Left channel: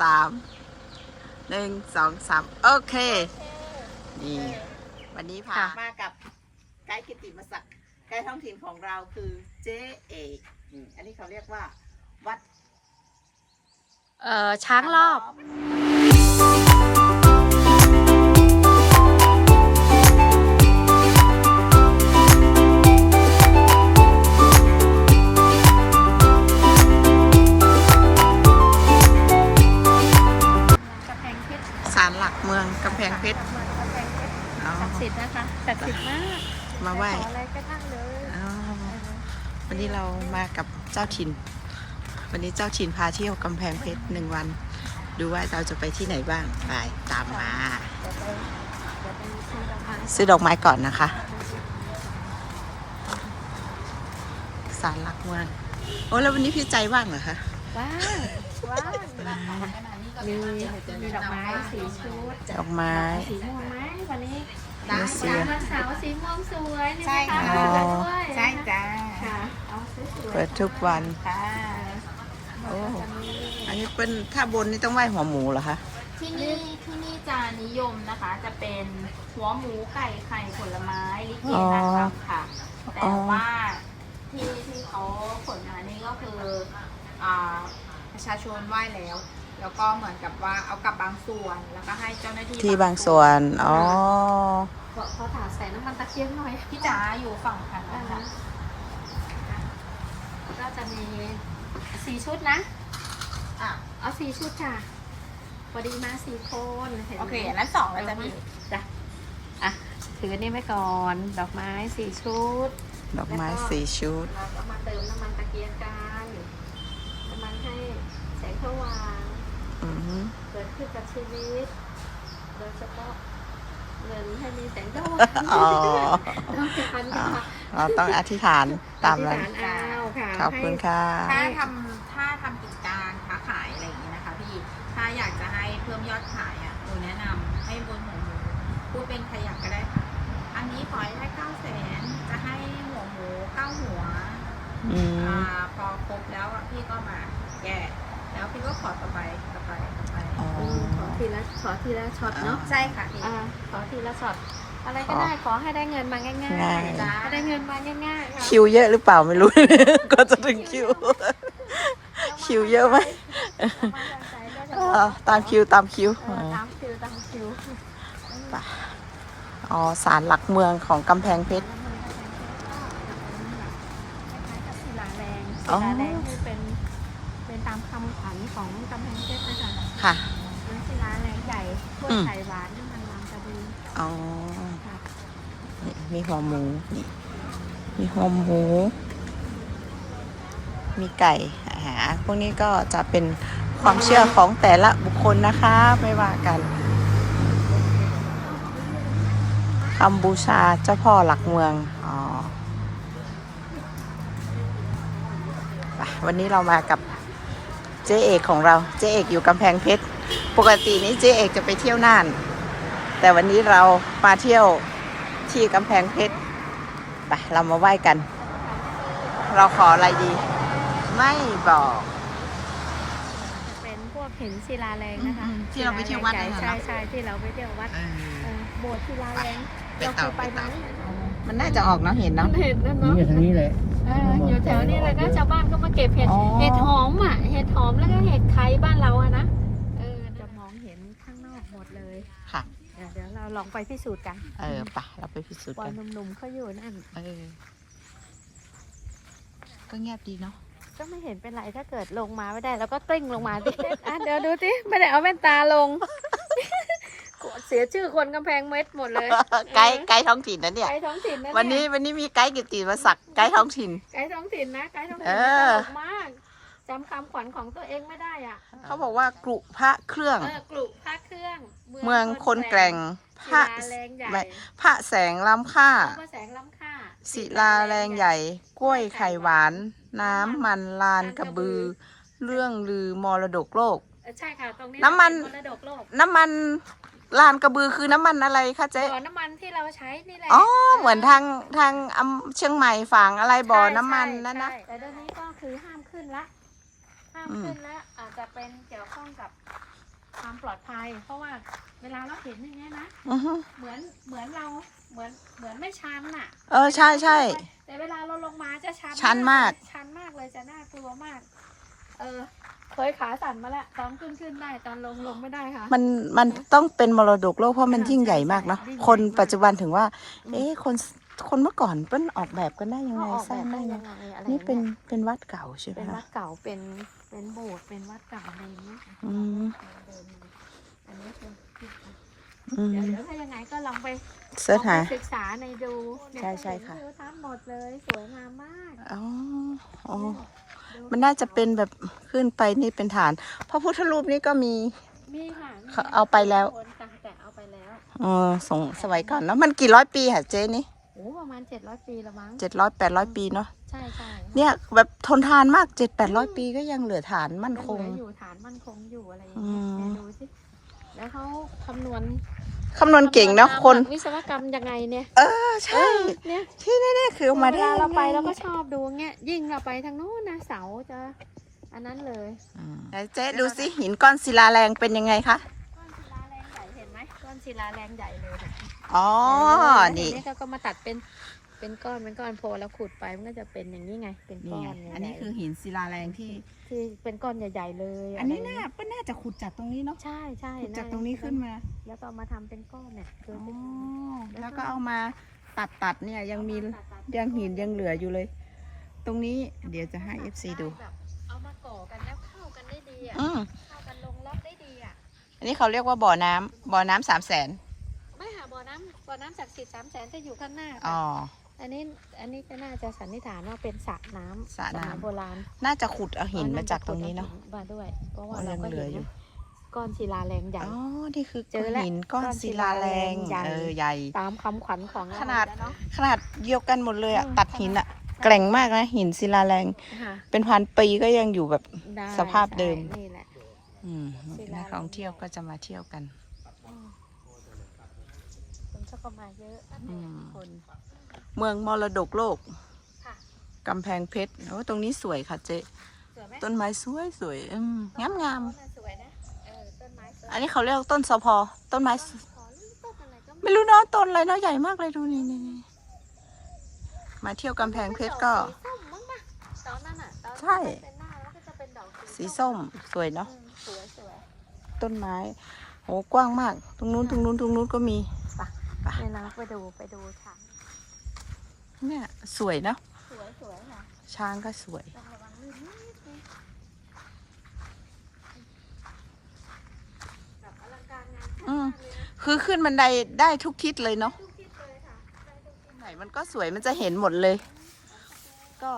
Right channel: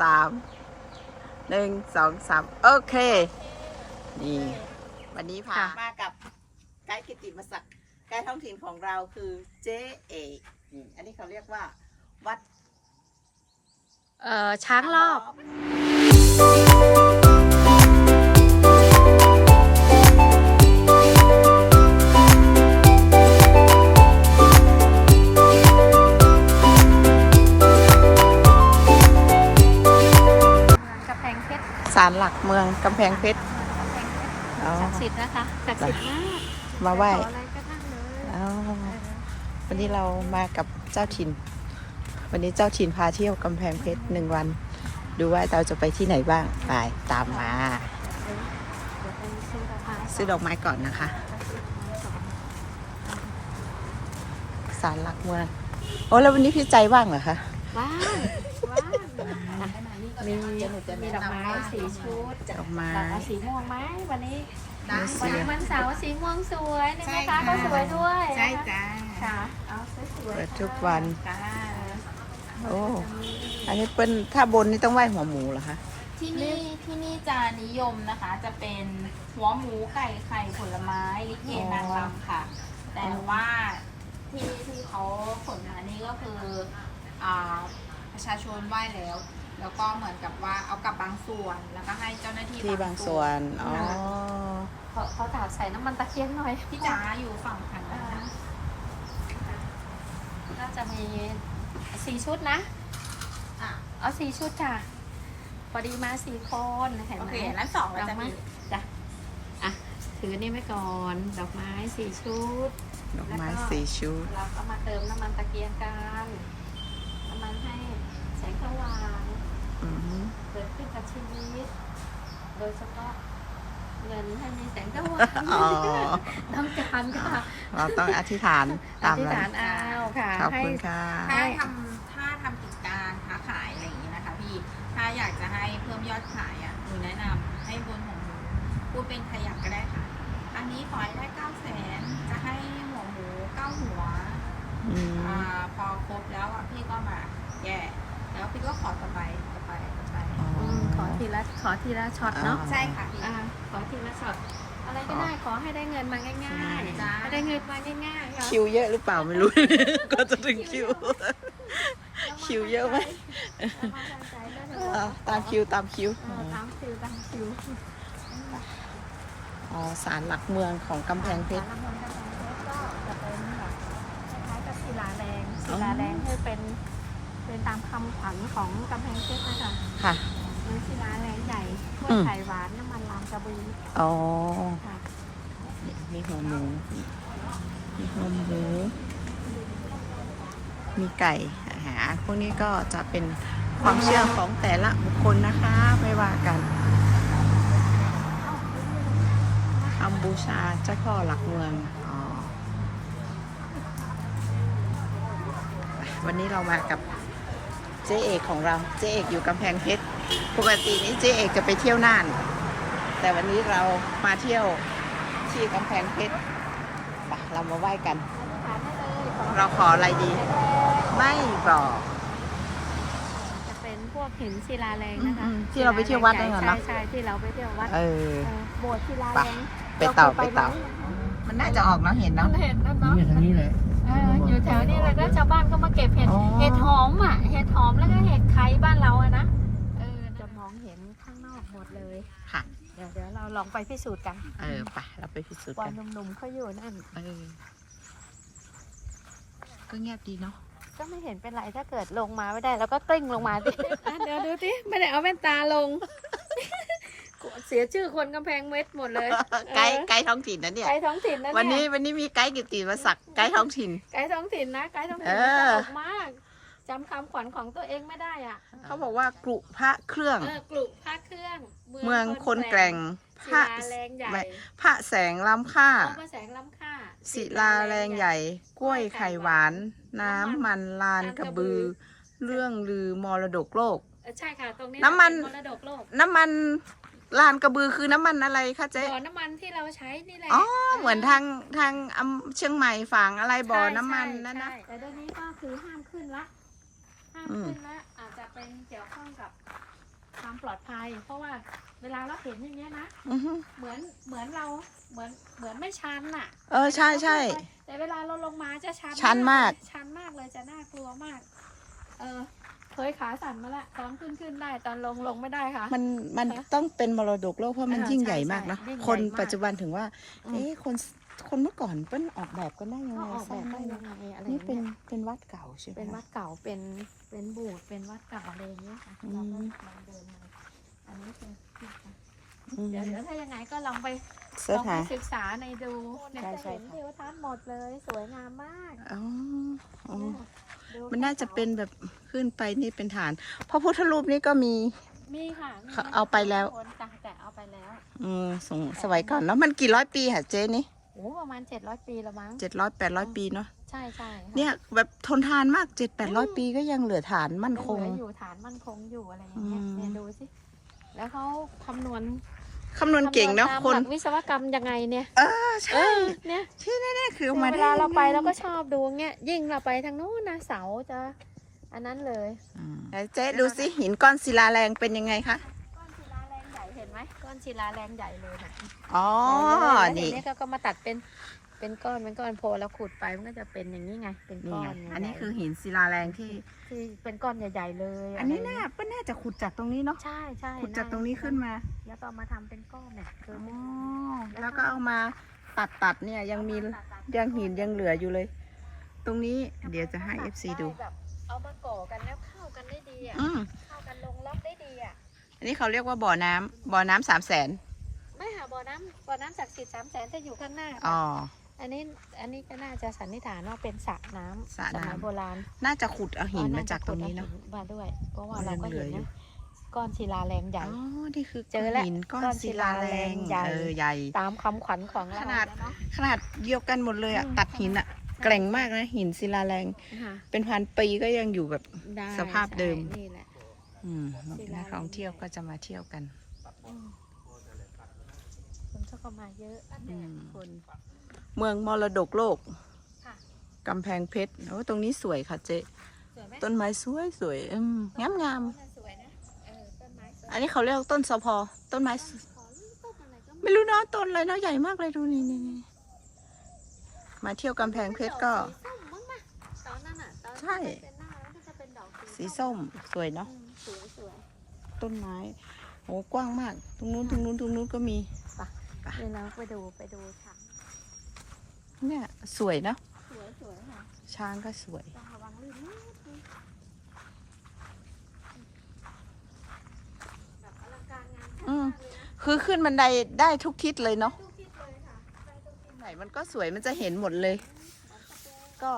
สามหนึ่งสองสามโอเค นี่ วันนี้พาค่ะมากับไกด์กิติมศักดิ์ไกด์ท้องถิ่นของเราคือเจ๊เอกนี่อันนี้เขาเรียกว่า วัด เอ่อ ช้างรอบำแพงเพชรเมืองกำแพงเพชรอ๋อ ศักดิ์สิทธิ์นะคะศักดิ์สิทธิ์มากมาไหว้ขออะไรก็ได้เลยอ๋อเออวันนี้เรามากับเจ้าถิ่น วันนี้เจ้าถิ่นพาเที่ยวกำแพงเพชรหนึ่งวัน ดูว่าเราจะไปที่ไหนบ้างไปตามมา เดี๋ยวไปเดี๋ยวไปซื้อดอกไม้ซื้อดอกไม้ก่อนนะคะไปซื้อดอกไม้ก่อนศาลหลักเมืองโอ้แล้ววันนี้พี่ใจว่างเหรอคะว่าง ว่างมีมีดอกไม้สีชุดดอกไม้เอาสีม่วงไหมวันนี้มีเสือวันเสาร์สีม่วงสวยนี่ใช่ไหมคะค่ะสวยด้วยใช่จ้าค่ะเอาสวยๆเปิดทุกวันค่ะโอ้อันนี้เป็นถ้าบนนี่ต้องไหว้หัวหมูเหรอคะที่นี่ที่นี่จะนิยมนะคะ จะเป็นหัวหมูไก่ไข่ผลไม้ลิเกนางรำค่ะ แต่ว่าที่ที่เขาขนมานี่ก็คืออ่า ประชาชนไหว้แล้ว แล้วก็เหมือนกับว่าเอากลับบางส่วน แล้วก็ให้เจ้าหน้าที่ที่บางส่วน อ๋อเขาเขาถามใส่น้ำมันตะเกียงหน่อย พี่จ๋าอยู่ฝั่งทางอ่านั้นก็จะมีสี่ชุดนะอะเอาสี่ชุดจ้ะพอดีมาสี่คนห็นไหมโอเคนั้นสองเราจะมีจ้ะอะถืออันนี้ไว้ก่อนดอกไม้สี่ชุด ดอกไม้สี่ชุด เราก็มาเติมน้ำมันตะเกียงกัน น้ำมันให้แสงสว่างอือฮึเกิดขึ้นกับชีวิต โดยเฉพาะเงินให้มีแสงสว่างอ๋อต้องการค่ะเราต้องอธิษฐานตามนั้นอธิษฐานเอาค่ะขอบคุณค่ะ ถ้าทำถ้าทำกิจการค้าขายอะไรอย่างนี้นะคะพี่ ถ้าอยากจะให้เพิ่มยอดขายอะหนูแนะนำให้บนหัวหมูพูดเป็นขยักก็ได้ค่ะ อันนี้ขอให้ได้เก้าแสนจะให้หัวหมูเก้าหัวอ่าพอครบแล้วอะพี่ก็มาแย่ แล้วพี่ก็ขอต่อไปต่อไปต่อไปอ๋ออืมขอทีละขอทีละช็อตเนาะอ่าใช่ค่ะพี่อ่าขอทีละช็อตอะไรก็ได้ขอให้ได้เงินมาง่ายง่ายๆให้ได้เงินมาง่ายๆค่ะคิวเยอะหรือเปล่าไม่รู้ ก็จะถึงคิว คิวเยอะไหมเออตามคิวตามคิวเออตามคิวตามคิวอ๋อศาลหลักเมืองของกำแพงเพชรสารหลักเมืองกำแพงเพชรก็จะเป็นแบบคล้ายๆกับศิลาแรงอ๋ศิอลาแรงคือเป็น เป็นตามคำขวัญของกำแพงเพชรนะคะค่ะหรือศิลาแรงใหญ่กล้วยอืมไข่หวานน้ำมันลามกระบืออ๋อค่ะนี่มีหัวหมูนี่มีหัวหมู มีไก่อาหารพวกนี้ก็จะเป็นความเชื่อของแต่ละบุคคลนะคะไม่ว่ากันคำบูชาเจ้าพ่อหลักเมืองอ๋อไปวันนี้เรามากับ เจ๊เอกของเราเจ๊เอกอยู่กำแพงเพชรปกตินี้เจ๊เอกจะไปเที่ยวน่าน แต่วันนี้เรามาเที่ยวที่กำแพงเพชรไปเรามาไหว้กัน เราขออะไรดี ไม่บอกจะเป็นพวกหินศิลาแรงนะคะอืมที่เราไปเที่ยววัดนั่นน่ะใช่เนอะใช่ที่เราไปเที่ยววัดเออเออโบสถ์ศิลาแรงไปต่อไปต่อมันน่าจะออกเนอะเห็นเนาะเห็นแล้วเนาะนี่ทางนี้เลย เอออยู่แถวนี้แล้วก็ชาวบ้านก็มาเก็บเห็ด อ๋อ เห็ดหอมอะ เห็ดหอมแล้วก็เห็ดไข่บ้านเราอะนะ เออ จะมองเห็นข้างนอกหมดเลย ค่ะ เดี๋ยวเดี๋ยวเราลองไปพิสูจน์กันเออไปเราไปพิสูจน์วักันนหนุ่มๆเขาอยู่นั่น เออ ก็เงียบดีเนาะ ก็ไม่เห็นเป็นไรถ้าเกิดลงมาไม่ได้ แล้วก็กลิ้งลงมาดิอะเดี๋ยวดูสิไม่ได้เอาแว่นตาลง เสียชื่อคนกำแพงเม็ดหมดเลยไกด์ไกด์ท้องถิ่นนะเนี่ยไกด์ท้องถิ่นนะเยวันนี้วันนี้มีไกด์กิตติมาศักดิ์ไกด์ท้องถิ่นไกด์ท้องถิ่นนะไกด์ท้องถิ่นเอตอลกมากจำคำขวัญของตัวเองไม่ได้อะ เขาบอกว่ากรุพระเครื่องเออกลุพระเครื่อง เมืองคนแกร่งพศิระลาแรงใหญ่ไม่พระแสงล้ำค่าพระแสงล้ำค่าศิลาแรงใหญ่ กล้วยไข่หวาน น้ำมันลานกระบือ เรื่องลือมรดกโลกเออใช่ค่ะตรงนี้น้ำมันเป็มรดกโลกน้ำมัน ลานกระบือคือน้ำมันอะไรคะเจ๊ บ่อน้ำมันที่เราใช้นี่แหละอ๋อ เหมือนทางทางอำเชียงใหม่ฝั่งอะไรบ่อน้ำมันใช่นั่นนะ ใช่แต่เดี๋ยวนี้ก็คือห้ามขึ้นละ ห้ามอืมขึ้นแล้วอาจจะเป็นเกี่ยวข้องกับความปลอดภัย เพราะว่าเวลาเราเห็นอย่างเงี้ยนะ อือฮึเหมือนเหมือนเราเหมือนเหมือนไม่ชันน่ะเออ ใช่ใช่ แต่เวลาเราลงมาจะชันชันมากเลยชันมากเลยจะน่ากลัวมาก เออ เคยขาสั่นมาแล้วตอนขึ้นขึ้นได้ตอนลงลงไม่ได้ค่ะ มันมันต้องเป็นมรดกโลกเพราะมันอ่ายิ่งใหญ่ใช่มากเนาะใช่ยิ่งใหญ่คนมากปัจจุบันถึงว่าอืมเอ๊ะคนคนเมื่อก่อนเปิ้นออกแบบกันได้ยังเขาไงออกสแบร้างบได้ได้ยัยังงไงอะไรนี่เป็นยเป็นวัดเก่าใช่ไหมเป็นวัคะดเก่าเป็นเป็นโบสถ์เป็นวัดเก่าอะไรอย่างเงี้ยค่ะอืมเราก็เดินมาอันนี้เป็นที่อืมเดี๋ยวเดี๋ยวถ้ายังไงก็ลองไปเสิร์ชลองหาไปศึกษาในดูเนี่ยใช่ใช่ค่ะเห็นวิวทั้งหมดเลยสวยงามมากอ๋ออ๋อดู มันน่าจะเป็นแบบขึ้นไปนี่เป็นฐานพระพุทธรูปนี่ก็มีมีค่ะมีเขาเอาไปแล้วคนจ้ะแต่เอาไปแล้วเออสงสมัยก่อนแล้วมันกี่ร้อยปีค่ะเจ๊นี่โอ้ประมาณเจ็ดร้อยปีแล้วมั้งเจ็ดร้อยแปดร้อยปีเนาะใช่ใช่เนี่ยแบบทนทานมากเจ็ดแปดร้อยปีก็ยังเหลือฐานมั่นคงเหลืออยู่ฐานมั่นคงอยู่อะไรอย่างอืเงี้ยมเดี๋ยวดูสิแล้วเขาคำนวณ คำนวณเก่งเนาะคนำวณตามหลักวิศวกรรมยังไงเนี่ยเออใช่เนี่ยที่แน่ๆคือเอามาเวได้ลาเราไปยังงเราก็ชอบดูเงี้ยยิ่งเราไปทางนู้นนะเสาจะอันนั้นเลยอืมไหนเจ๊ดูสิหินก้อนศิลาแรงเป็นยังไงคะก้อนศิลาแรงใหญ่เห็นไหมก้อนศิลาแรงใหญ่เลยแบบอ๋อเห็นี่ไหมก็ก็มาตัดเป็น เป็นก้อนเป็นก้อนโพแล้วขุดไปมันก็จะเป็นอย่างนี้ไง เป็นก้นี่อไงนอันนี้คือหินศิลาแรงที่ ที่เป็นก้อนใหญ่ๆเลยอันนี้น่าเปิ้ลน่าจะขุดจากตรงนี้เนาะใช่ใช่ขุดจากตรงนี้ขึ้นมาแล้วก็เอามาทำเป็นก้อนเนี่ยคืออ๋อเป็นแล้วก็เอามาตัดตัดๆเนี่ยยังมียังหินยังเหลืออยู่เลย ตรงนี้เดี๋ยวจะให้ FC ดูเอามาก่อกันแล้วเข้ากันได้ดีอะอืมมันลงล็อกได้ดีอะอันนี้เขาเรียกว่าบ่อน้ำบ่อน้ำสามแสนไม่ค่ะบ่อน้ำบ่อน้ำศักดิ์สิทธิ์สามแสนจะอยู่ข้างหน้า อ๋อ อันนี้อันนี้ก็น่าจะสันนิษฐานว่าเป็นสระน้ำสระน้ำ โบราณน่าจะขุดเอาหินมาจากตรงนี้เนาะมาด้วยเพราะว่าอ๋อยังเหลืออยู่ก้อนศิลาแรงใหญ่ อ๋อนี่คือเจอแล้วหินก้อนศิลาแรงก้อนศิลาแรงใหญ่เออใหญ่ ตามคำขวัญของขนาด เอะ ขนาดเดียวกันหมดเลยอะอืมตัดหินอะแกร่งมากนะหินศิลาแรง ค่ะเป็นพันปีก็ยังอยู่แบบ ได้สภาพเดิม ใช่นี่แหละ อืมศิลาแรงนักท่องเที่ยวก็จะมาเที่ยวกันอืมคนชอบก็มาเยอะ อืมคน เมืองมรดกโลกค่ะกำแพงเพชรโอ้ตรงนี้สวยค่ะเจ๊สวยไหมต้นไม้สวยสวยอืมงามงามต้นไม้สวยนะเออต้นไม้สวยอันนี้เขาเรียกต้นสะพอ ต้นไม้สขอนี่ต้นอะไรก็ไม่รู้เนาะต้นอะไรเนาะใหญ่มากเลยดูนี่นี่นี่มาเที่ยวกำแพงเพชรก็ตอนนั้นอะตอนใช่ เป็นหน้าแล้วก็จะเป็นดอกสีส้มสวยเนาะ อืมสวยสวยต้นไม้โหกว้างมาก ตรงนู้นตรงนู้นตรงนู้นก็มีให้น้องไปดูไปดูช้าง เนี่ย สวยเนาะสวยสวยค่ะช้างก็สวยต้องระวังลื่นนิดนึงแบบอลังการงานสร้างอืมมากเลยนะคือขึ้นบันไดได้ทุกทิศเลยเนาะทุกทิศเลยค่ะได้ทุกทิศไหนมันก็สวยมันจะเห็นหมดเลย ก็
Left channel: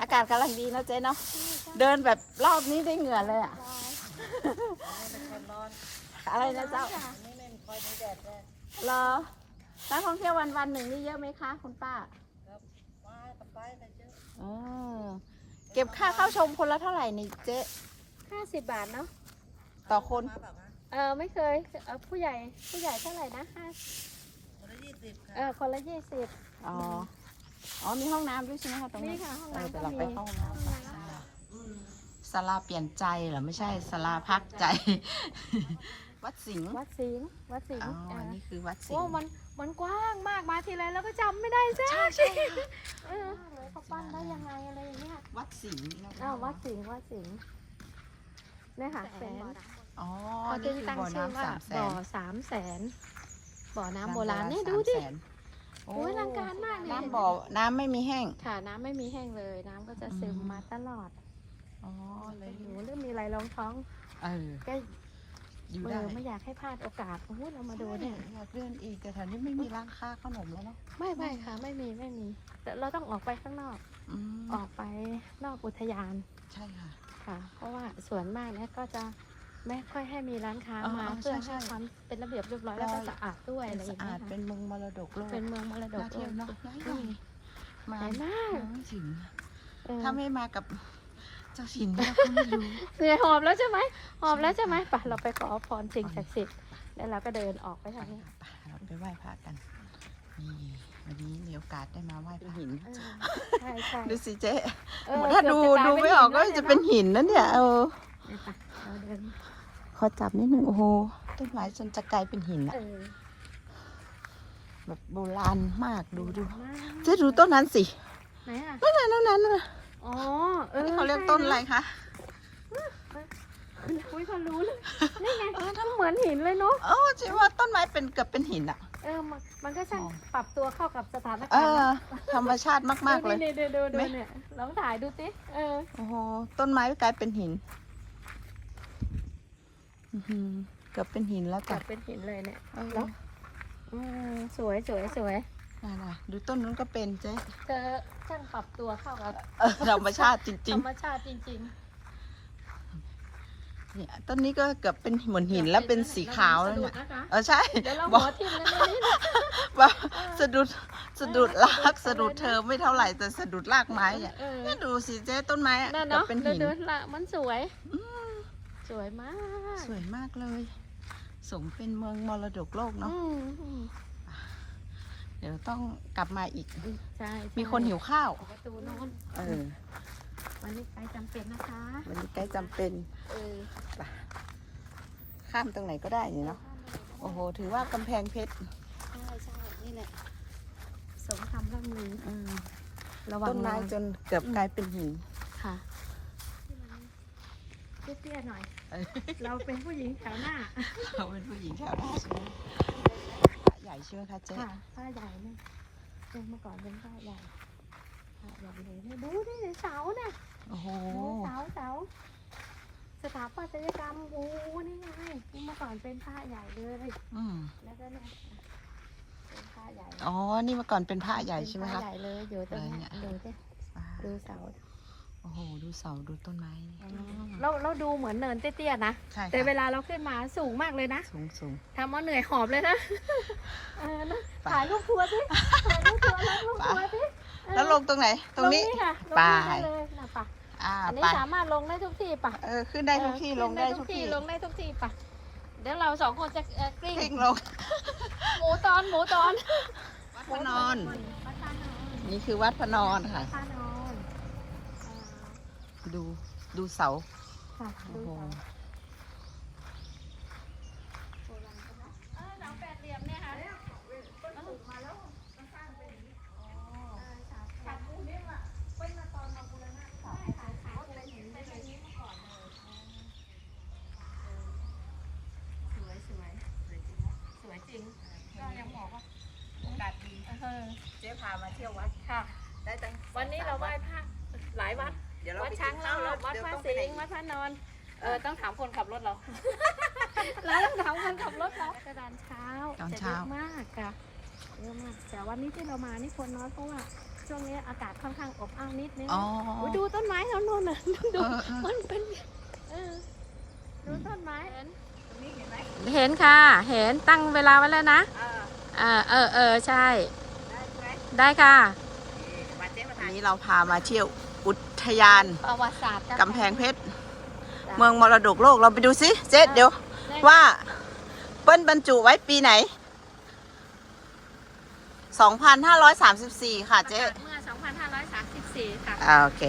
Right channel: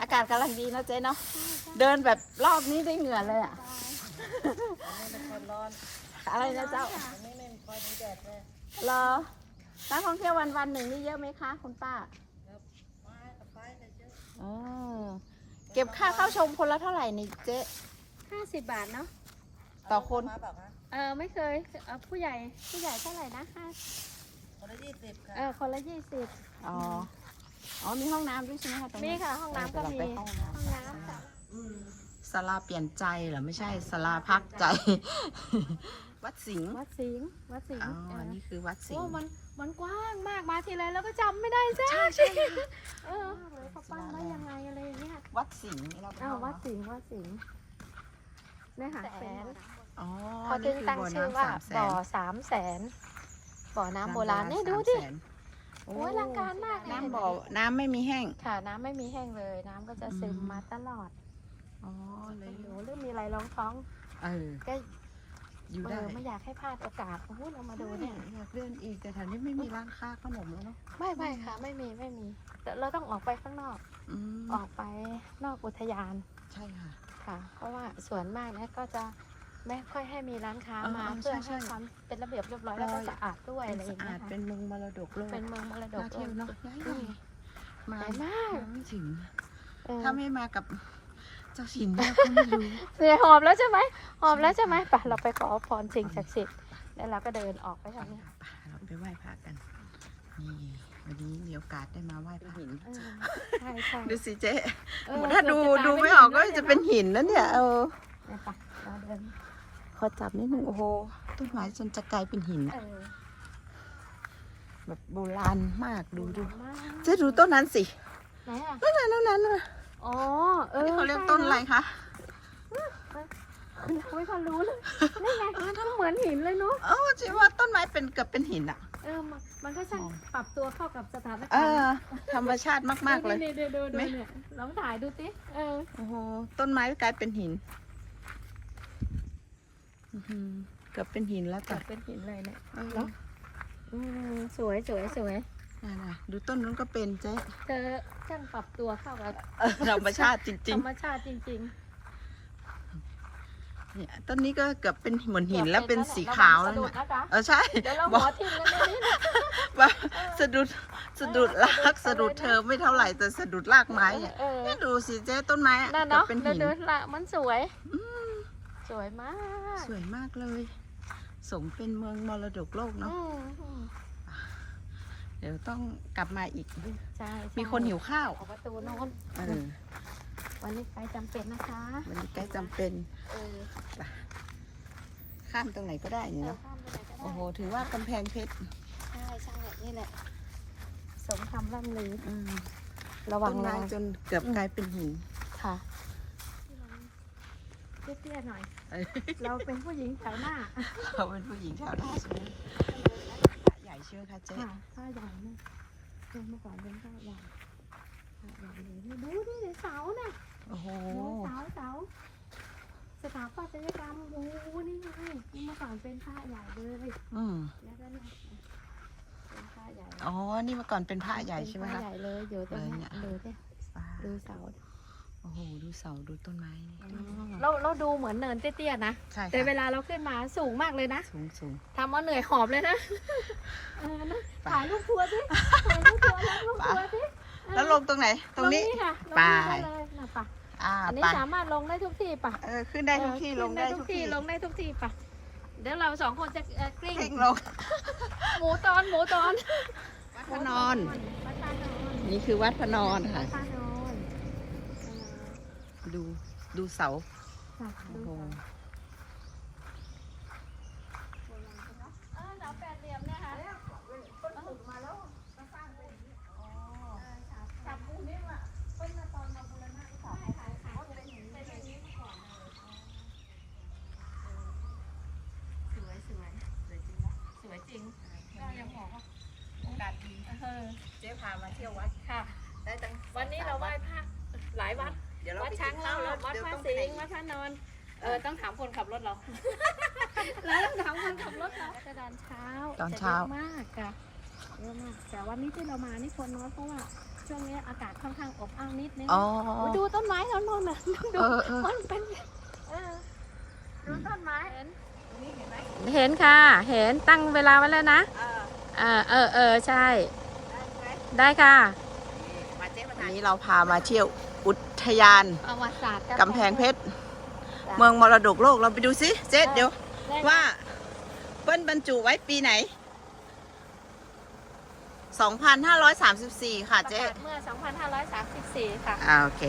อากาศกำลังดีนะเจ๊เนาะเดินแบบรอบนี้ได้เหงื่อเลยอะอะไรนะเจ้า อันนี้ไม่ค่อยมีแดดเลยรอ นักท่องเที่ยววันวันๆหนึ่งนี่เยอะไหมคะคุณป้าไม้กับไม้แต่เยอะเออเก็บค่าเข้าชมคนละเท่าไหร่นี่เจ๊ห้าสิบบาทเนาะต่อคนมาแบบนะเออไม่เคยเออผู้ใหญ่ผู้ใหญ่เท่าไหร่นะห้าคนละยี่สิบค่ะเออคนละยี่สิบอ๋ออ๋อมีห้องน้ำด้วยใช่ไหมคะตรงมีนี้ค่ะห้องเออน้ำเดี๋ยวเราไปเข้าห้องน้ำห้องกันน้ำศาลาเปลี่ยนใจเหรอไม่ใช่ศาลาพักใจ วัดสิงห์วัดสิงห์วัดสิงห์อ๋อเออนี่คือวัดสิโอ้งห์มัน มันกว้างมากมาทีไรแล้วก็จำไม่ได้จ้าเออเขากว้างได้ยังไงอะไรอย่างเงี้ยวัดสิงห์นี่เราไปอ้าวเข้าวัดเนอะสิงห์วัดสิงห์เนี่ยค่ะเป็นบ่อน้ำอ๋อ นี่คือบ่อน้ำสามแสนบ่อสามแสนบ่อน้ำโบราณนี่ดูดิสามแสนโอ้โอ้ยอลังการมากเลยน้ำบ่อ น้ำไม่มีแห้ง ค่ะน้ำไม่มีแห้งเลย น้ำก็จะซึมอืมมาตลอดอ๋อ เลเอยออยู่ไม่มีอะไรรองท้อง เออ ก็ อยู่เอได้อไม่อยากให้พลาดโอกาสอุ๊ยเรามาดูดูเนี่เนี่ยยอยากเดินอีกแต่แถวนี้ไม่มีร้านค้าขนมแล้วเนาะไม่ไม่ค่ะ ไม่มีไม่มี แต่เราต้องออกไปข้างนอก อืมออกไปนอกอุทยานใช่ค่ะ ค่ะ เพราะว่าส่วนมากเนี่ยก็จะไม่ค่อยให้มีร้านค้าอ๋อมาอ๋อเพื่ใช่อใช่ให้ความเป็นระเบียบเรียบร้อยแล้วก็สะอาดด้วยเป็นสะอาดเป็นเมืองมรดกโลกเป็นเมืองมรดกน่าเที่ยวเนาะน่าอืลองมมาสวยมาก น้ำสิงห์เออถ้าไม่มากับ เจ้าสิงห์เนี่ยก็ไม่รู้เนี่ยหอมแล้วใช่ไหมหอมแล้วใช่ไหมไปเราไปขอพรสิ่งศักดิ์สิทธิ์แล้วเราก็เดินออกไปไปทางนี้เราไปไหว้พระกันนี่วันนี้มีโอกาสได้มาไหว้พระหินเออใช่ใช่ดูสิเจ๊เออถ้าดูเกือบจะกลายดูเป็นไม่ออกก็หินแล้วจะเป็นหินนะเนี่ยเออเนี่ยไปเราเดินขอจับนิดนึงโอ้โหต้นไม้จนจะกลายเป็นหินอะเออแบบโบราณมากดูดูมากเจ๊ดูต้นนั้นสิไหนอะนั่นน่ะนั่นน่ะนั่นน่ะ อ๋อ เออนี่เขาเรียกต้นอะไรคะอุ้ยเขารู้เลยนี่ไงก็เหมือนหินเลยเนาะเออเจ๊ว่าต้นไม้เป็นเกือบเป็นหินอะเออมันมันก็ช่างปรับตัวเข้ากับสถานเอการณ์อนะธรรมชาติมากๆเลยดูดูดูดูไหมเนี่ยลองถ่ายดูสิ เออ โอ้โห ต้นไม้กลายเป็นหินอื้อหือเกือบเป็นหินแล้วกลัจ้ะบเป็นหินเลยเนี่ยเออแล้วอืมสวยสวยสวย น่ะๆดูต้นนู้นก็เป็นเจ๊เจอช่างปรับตัวเข้ากับเออธรรมชาติจธริรง รมชาติจริงๆเนี่ยต้นนี้ก็เกือบเป็นเหมือนๆหินแล้วเป็นสีขาวแล้วเนี่ยระงสะดุดะจ๊ะเออใช่เดี๋ยวเราบอกขอทิ้งไว้ตรงนี้นะว่าสะดุดสะดุดรากสะดุดเธอไม่เท่าไหร่แต่สะดุดรากไม้เนี่ยเออ เนี่ยดูสิเจ๊ต้นไม้อะนั่นเกือบเนาะเป็นหินดูละ มันสวยอืมสวยมากสวยมากเลย สมเป็นเมืองมรดกโลกเนาะ อืมอืม เดี๋ยวต้องกลับมาอีก ใช่ใช่มีคนหิวข้าวออกประตูโน้นเออวันนี้ไปจำเป็นนะคะ วันนี้ใกล้จำเป็น เออ ข้ามตรงไหนก็ได้นี่เนาะ โอ้โห ถือว่ากำแพงเพชร ใช่ใช่นี่แหละ สมคำร่ำลืออืมระวัต้งนไม้ระวังจนเกือบกลายเป็นหินค่ะที่มันเตี้ยๆหน่อยเออเราเป็นผู้หญิงแถวหน้าเขาเป็นผู้หญิงแถวหน้า ใช่ไหมใหญ่ใช่ไหมคะเจ๊ค่ะผ้าใหญ่ไหมเออเมื่อก่อนเป็นผ้าใหญ่ผ้าใหญ่เลยเนี่ยดูดิเสาเนี่ยโอ้โหเสาเสาสถาปัตยกรรมโอ้โหนี่ไงเมื่อก่อนเป็นผ้าใหญ่เลยอืมแล้วก็เนี่ยเป็นผ้าใหญ่อ๋อนี่เมื่อก่อนเป็นพระใหญ่ใช่ไหมเป็นคะผ้าใหญ่เลยอยู่ตรงเลยเนี่นี้ยดูสิอ่าดูเสาโอ้โห ดูเสา ดูต้นไม้ เราเราดูเหมือนเนินเตี้ยๆนะ ใช่แต่เวค่ะลาเราขึ้นมาสูงมากเลยนะสูงสูงทำเอาเหนื่อยหอบเลยนะเออนะไปถ่ายรูปทัวร์สิถ่ายรูปทัวร์รูปทัวร์สิแล้วลงตรงไหน ตรงนี้ ค่ะไป ลงนี่เลยนะปะอ่าอันนี้ไปสามารถลงได้ทุกที่ปะเออขึ้นได้ทุกที่ ลงได้ทุกที่ลงได้ทุกที่ปะเดี๋ยวเราสองคนจะเอ่อกลิ้งกลิ้งลงหมูตอนหมูตอนวัดพระนอน วัดตานอนนี่คือวัดพระนอนวัค่ะดตานอนเอ่อ ดูดูเสาค่ะดูโอ้โหเออเสาแปดเหลี่ยมเนี่ยค่ะขับปูนี่ว่ะเปิ้ลมาตอนมาบูรณะเสาขายขายเป็นอย่างนี้เป็นอย่างนี้มาก่อนเลยสวยสวยสวยจริงนะสวยจริงก็ยังบอกว่าโอกาสดีเออเจ๊พามาเที่ยววัดค่ะ ได้ตั้งวันนี้เราไหว้พระหลายวัดเดี๋ยวเราวัดไปช้างกินเราข้าวแล้ววัดเดี๋ยวพระต้องไปสิไหนงห์วัดพระนอน เออต้องถามคนขับรถเราเราต้องถามคนขับรถเราแต่ตอนเช้าตอนจะเช้าเยอะมากค่ะเยอะมาก แต่วันนี้ที่เรามานี่คนน้อยเพราะว่าช่วงนี้อากาศค่อนข้างอบอ้าวนิดนึงอ๋อโอ้ยดูต้นไม้ทั้งนู้นน่ะดูเออเออต้นเป็นเออดูต้นไม้เห็นตรงนี้เห็นไหมเห็นค่ะ เห็นตั้งเวลาไว้แล้วนะเออเออเออเออใช่ ได้ใช่ไหมได้ค่ะ นี่มาเจ๊มาวันนี้เราพามาเที่ยวอุ ทยานประวัติศาสตร์กำแพงเพชร เมืองมรดกโลกเราไปดูสิเจ๊เดี๋ยวว่าเปิ้ลบรรจุไว้ปีไหน 2534 ค่ะประเจ๊กาศเมื่อ 2534 ค่ะ อ่าโอเค